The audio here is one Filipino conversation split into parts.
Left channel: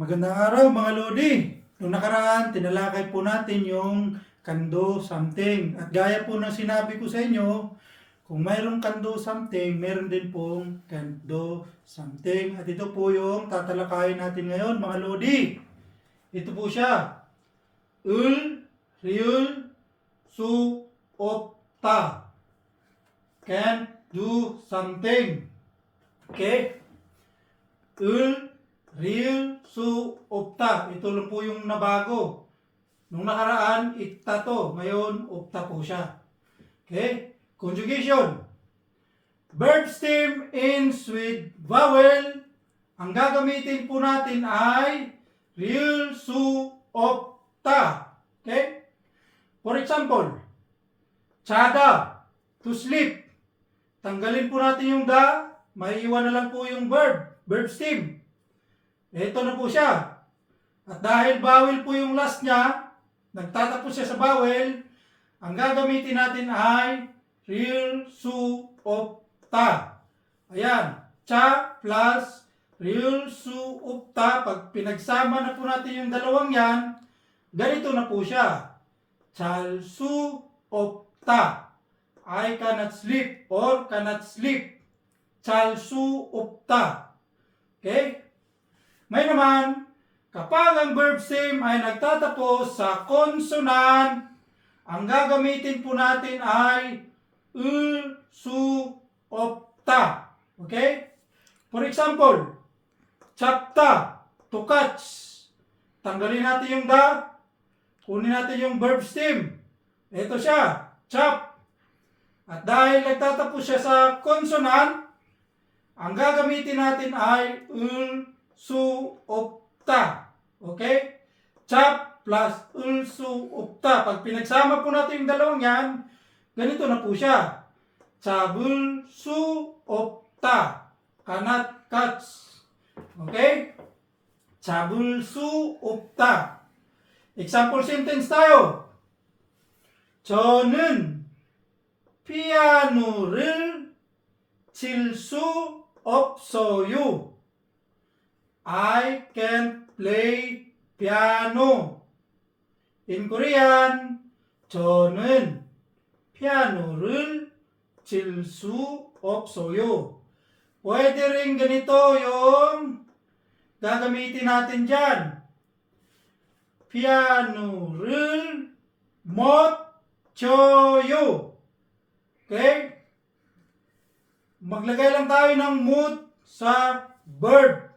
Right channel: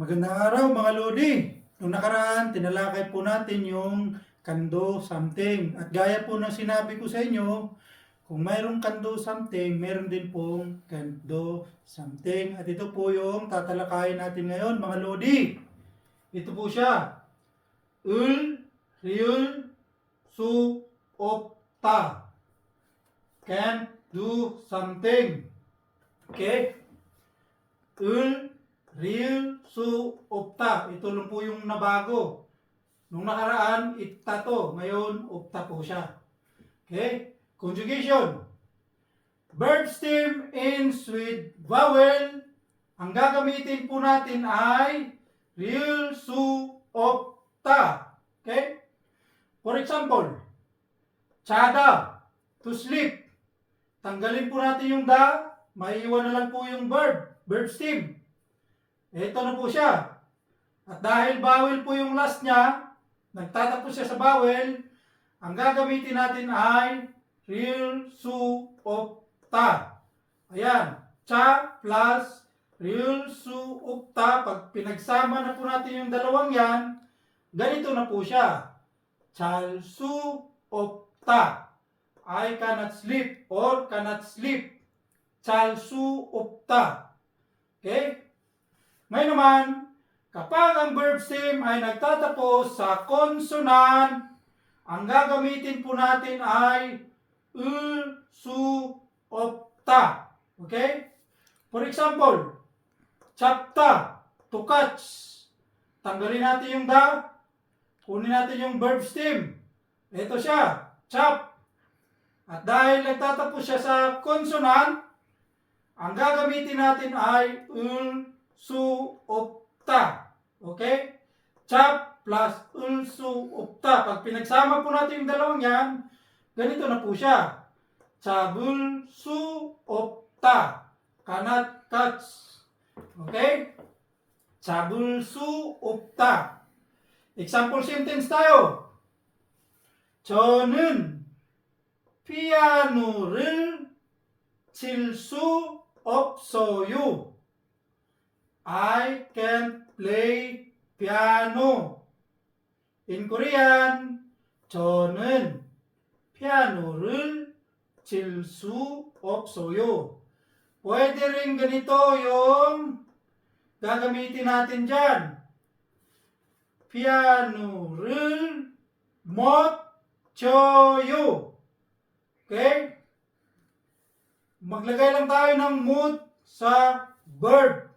Magandang araw mga Lodi. Noong nakaraan, tinalakay po natin yung kando something. At gaya po ng sinabi ko sa inyo, kung mayroong kando something, meron din pong kando something. At ito po yung tatalakayin natin ngayon mga Lodi. Ito po siya. Ul, riul, su, opta. Can't do something. Okay? Ul, real, su, opta. Ito lang po yung nabago. Nung nakaraan, itta to. Ngayon, opta po siya. Okay? Conjugation. Verb stem ends with vowel. Ang gagamitin po natin ay real, su, opta. Okay? For example, tsada, to sleep. Tanggalin po natin yung da. Maiiwan na lang po yung verb stem. Ito na po siya. At dahil vowel po yung last niya, nagtatapos siya sa vowel, ang gagamitin natin ay real, su, opta. Ayan. Cha plus real, su, opta. Pag pinagsama na po natin yung dalawang yan, ganito na po siya. Chal, su, opta. I cannot sleep or cannot sleep. Chal, su, opta. Okay? May naman, kapag ang verb stem ay nagtatapos sa consonant, ang gagamitin po natin ay su, opta. Okay? For example, chapta, to catch. Tanggalin natin yung da, kunin natin yung verb stem. Ito siya, chap. At dahil nagtatapos siya sa consonant, ang gagamitin natin ay su, opta. Okay? Chap plus su, opta. Pag pinagsama po natin yung dalawang yan, ganito na po siya. Chabul, su, opta. Cannot catch. Okay? Chabul, su, opta. Example sentence tayo. 저는 피아노를 칠 수 없어요. I can't play piano. In Korean, 저는 피아노를 칠 수 없어요. Pwede rin ganito yung gagamitin natin dyan. 피아노를 못 쳐요. Okay? Maglagay lang tayo ng mood sa verb.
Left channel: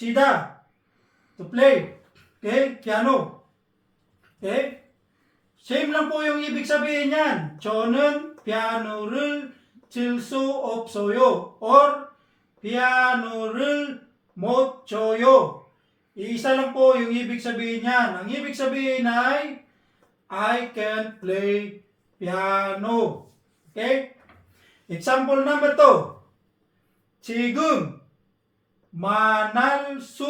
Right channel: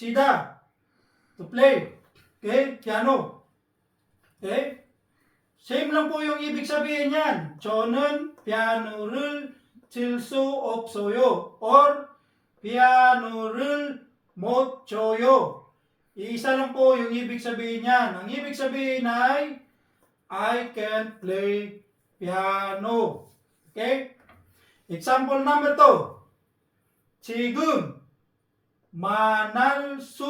Chida, to play. Okay? Piano. Okay? Same lang po yung ibig sabihin yan. 저는 피아노를 칠 수 없어요. Or 피아노를 못 쳐요. Isa lang po yung ibig sabihin yan. Ang ibig sabihin ay I can play piano. Okay? Example number 2. 지금 만날 수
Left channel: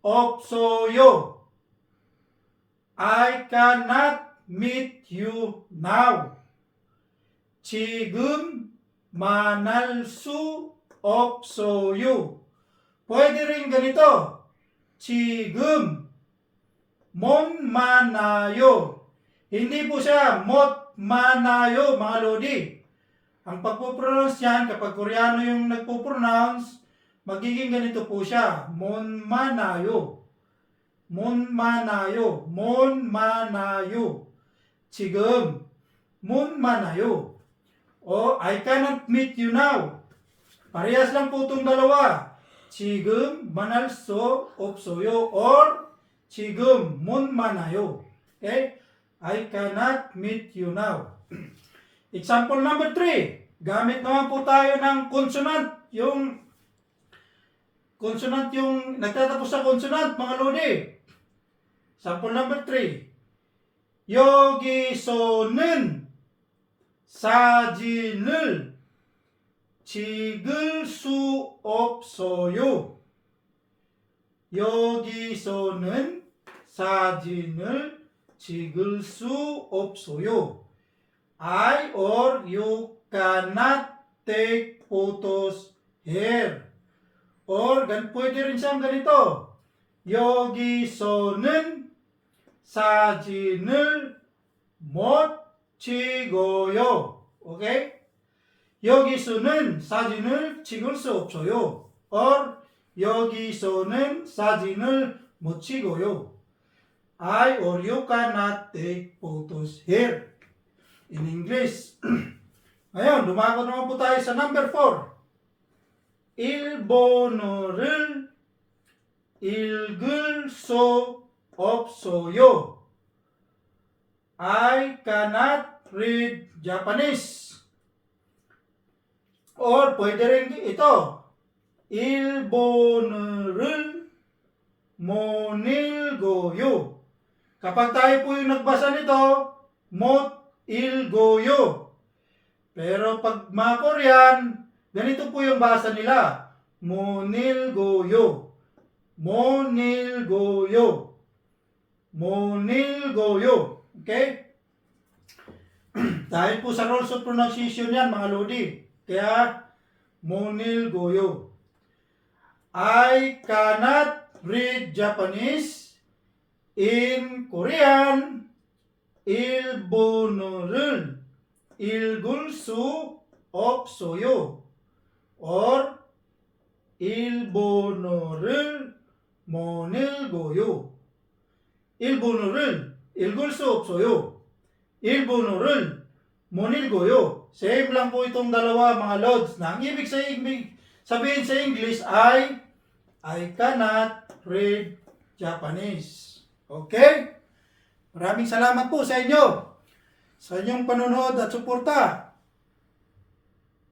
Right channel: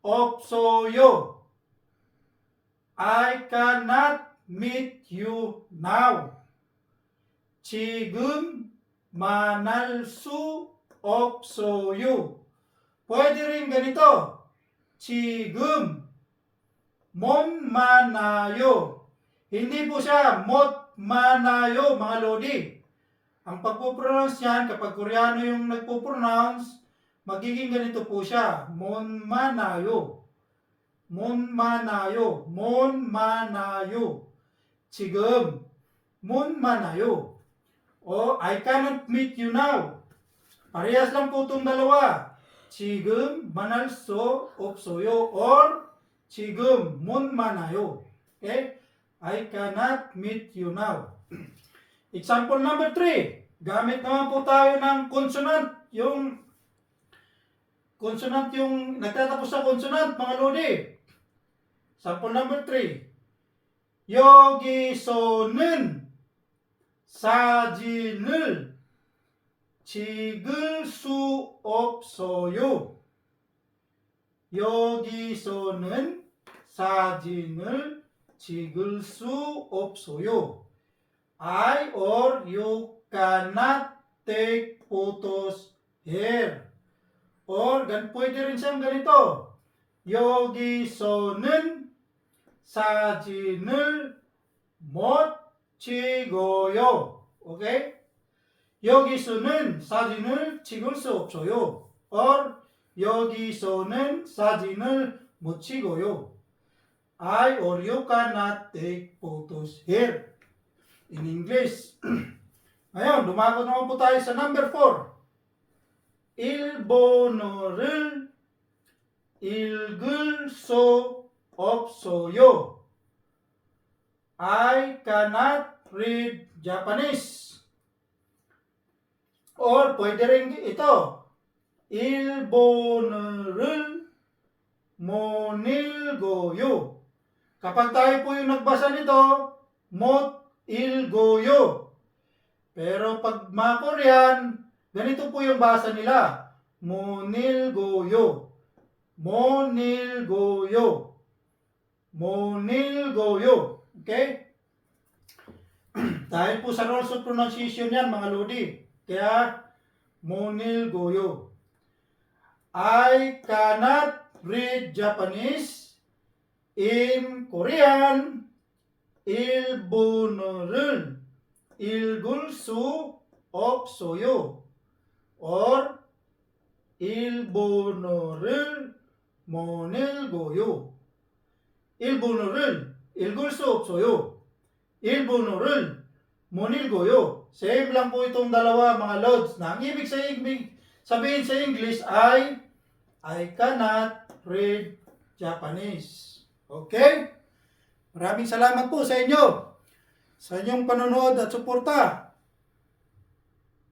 없어요. I cannot meet you now. 지금 만날 수 없어요. Pwede rin ganito. 지금 못 만나요. Hindi po siya 못 만나요 mga Lodi. Ang pagpo-pronounce yan, kapag Koreano yung nagpo-pronounce, magiging ganito po siya. 못 만나요. 못 만나요. 못 만나요. 지금 못 만나요. O I cannot meet you now. Parehas lang po itong dalawa. 지금 만날 수 없어요. Or 지금 못 만나요. Okay? I cannot meet you now. Example number 3. Gamit naman po tayo ng consonant. Yung consonant yung nagtatapos sa consonant, mga Lodi. Example number 3. 여기서는 사진을 찍을 수 없어요. 여기서는 사진을 찍을 수 없어요. I or you cannot take photos here. Or pwede rin siyang ganito. 여기서는 사진을 못 찍어요. 오케이? 여기서는 사진을 찍을 수 없어요. or 여기서는 사진을 못 찍어요. I or you cannot take photos here. In English. Ngayon, dumago naman po tayo sa number 4. 일본어를 읽을 수 없어요. I cannot read Japanese. Or pwede rin ito. 일본어를 못 읽어요. Kapag tayo po yung nagbasa nito, 못 읽어요. Pero pag mga Korean, ganito po yung basa nila. 못 읽어요. 못 읽어요. 못 읽어요. Okay? Dahil po sa rules of pronunciation yan, mga Lodi. Kaya, 못 읽어요. I cannot read Japanese. In Korean, 일본어를 읽을 수 없어요. or 일본어를 못 읽어요. 일본어를 읽을 수 없어요. 일본어를 못 읽어요. Same lang po itong dalawa mga lods. Na ang ibig sabihin sa English ay I cannot read Japanese. Okay? Maraming salamat po sa inyo sa inyong panonood at suporta.